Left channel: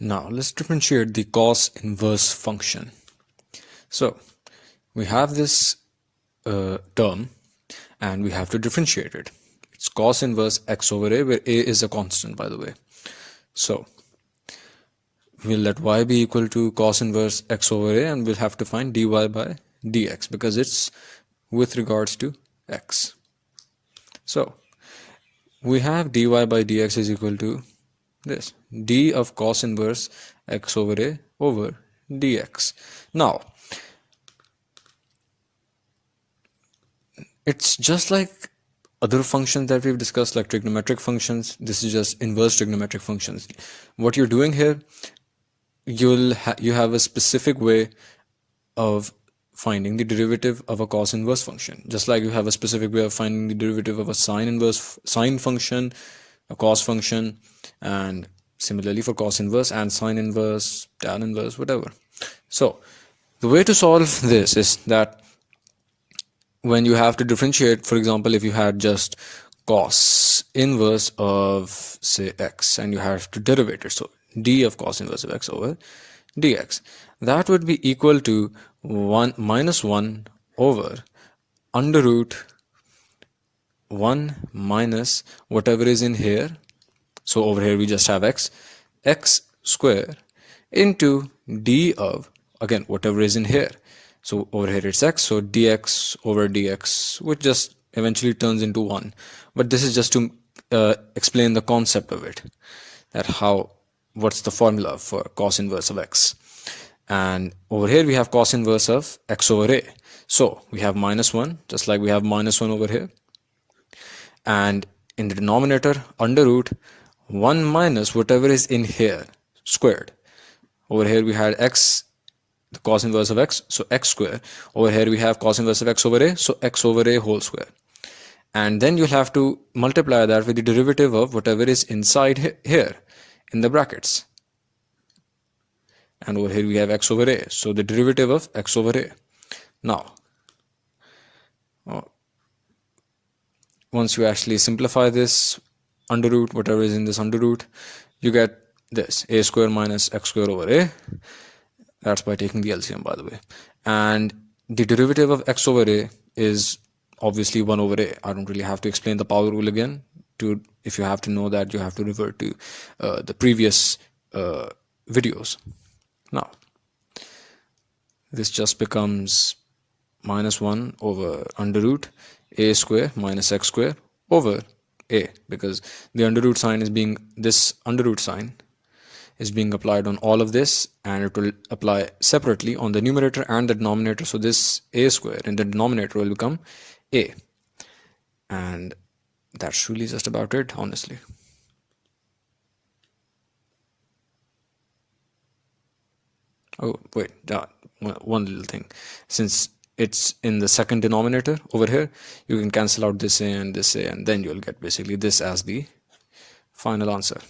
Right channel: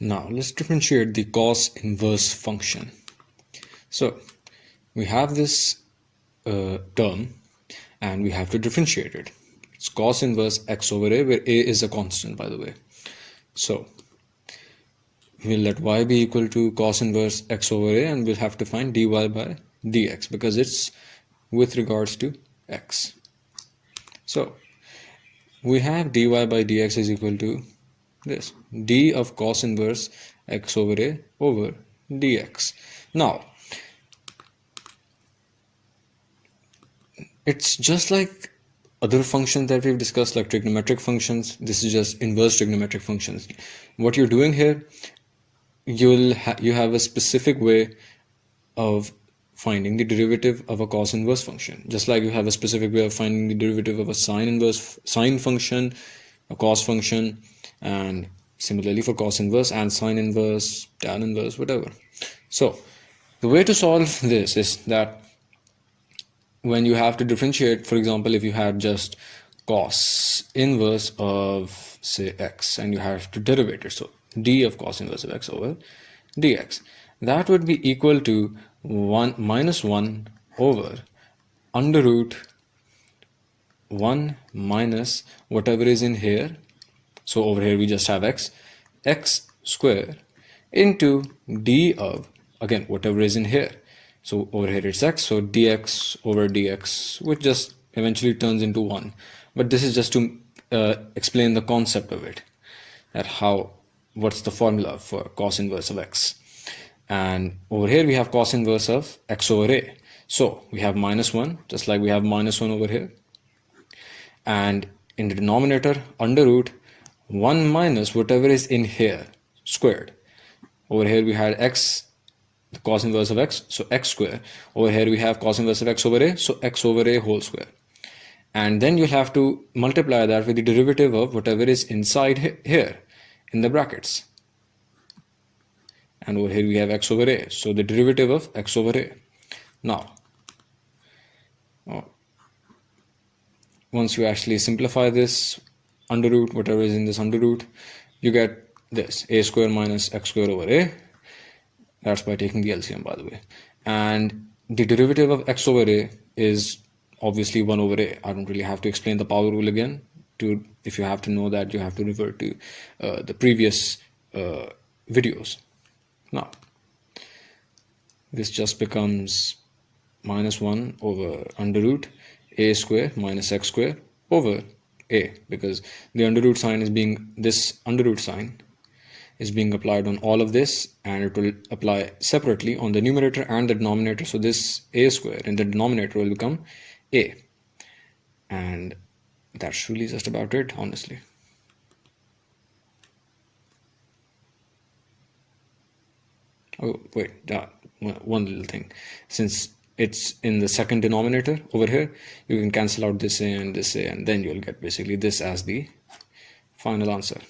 Now let's differentiate the cos inverse function. So we have this term and we have to differentiate it. It's cos inverse x over a, where a is a constant, by the way. So we'll let y be equal to cos inverse x over a, and we'll have to find dy by dx because it's with regards to x. So we have dy by dx is equal to this, d of cos inverse x over a over dx. Now it's just like other functions that we've discussed, like trigonometric functions. This is just inverse trigonometric functions. What you're doing here, you have a specific way of finding the derivative of a cos inverse function, just like you have a specific way of finding the derivative of a sine function, a cos function, and similarly for cos inverse and sine inverse, tan inverse, whatever. So the way to solve this is that when you have to differentiate, for example, if you had just cos inverse of, say, x, and you have to derivate it, so d of cos inverse of x over dx, that would be equal to 1 minus 1 over under root 1 minus whatever is in here. So over here we just have x square into d of, again, whatever is in here. So over here it's x, so dx over dx, which just eventually turns into 1. But this is just to explain the concept of it, that what's the formula for cos inverse of x. And over here we have cos inverse of x over a. So we have minus 1, just like we have minus 1 over here. And in the denominator, under root 1 minus whatever is in here, squared. Over here we had x, the cos inverse of x, so x square. Over here we have cos inverse of x over a, so x over a whole square. And then you'll have to multiply that with the derivative of whatever is inside here in the brackets. And over here we have x over a, so the derivative of x over a. Now, once you actually simplify this under root, whatever is in this under root, you get this, a square minus x square over a. That's by taking the LCM, by the way. And the derivative of x over a is obviously 1 over a. I don't really have to explain the power rule again. If you have to know that, you have to refer to the previous videos. Now, this just becomes minus 1 over under root a square minus x square over a, because the under root sign is this under root sign is being applied on all of this, and it will apply separately on the numerator and the denominator. So this a square in the denominator will become a. And that's really just about it, honestly. Oh, wait, one little thing. Since it's in the second denominator over here, you can cancel out this a, and then you'll get basically this as the final answer.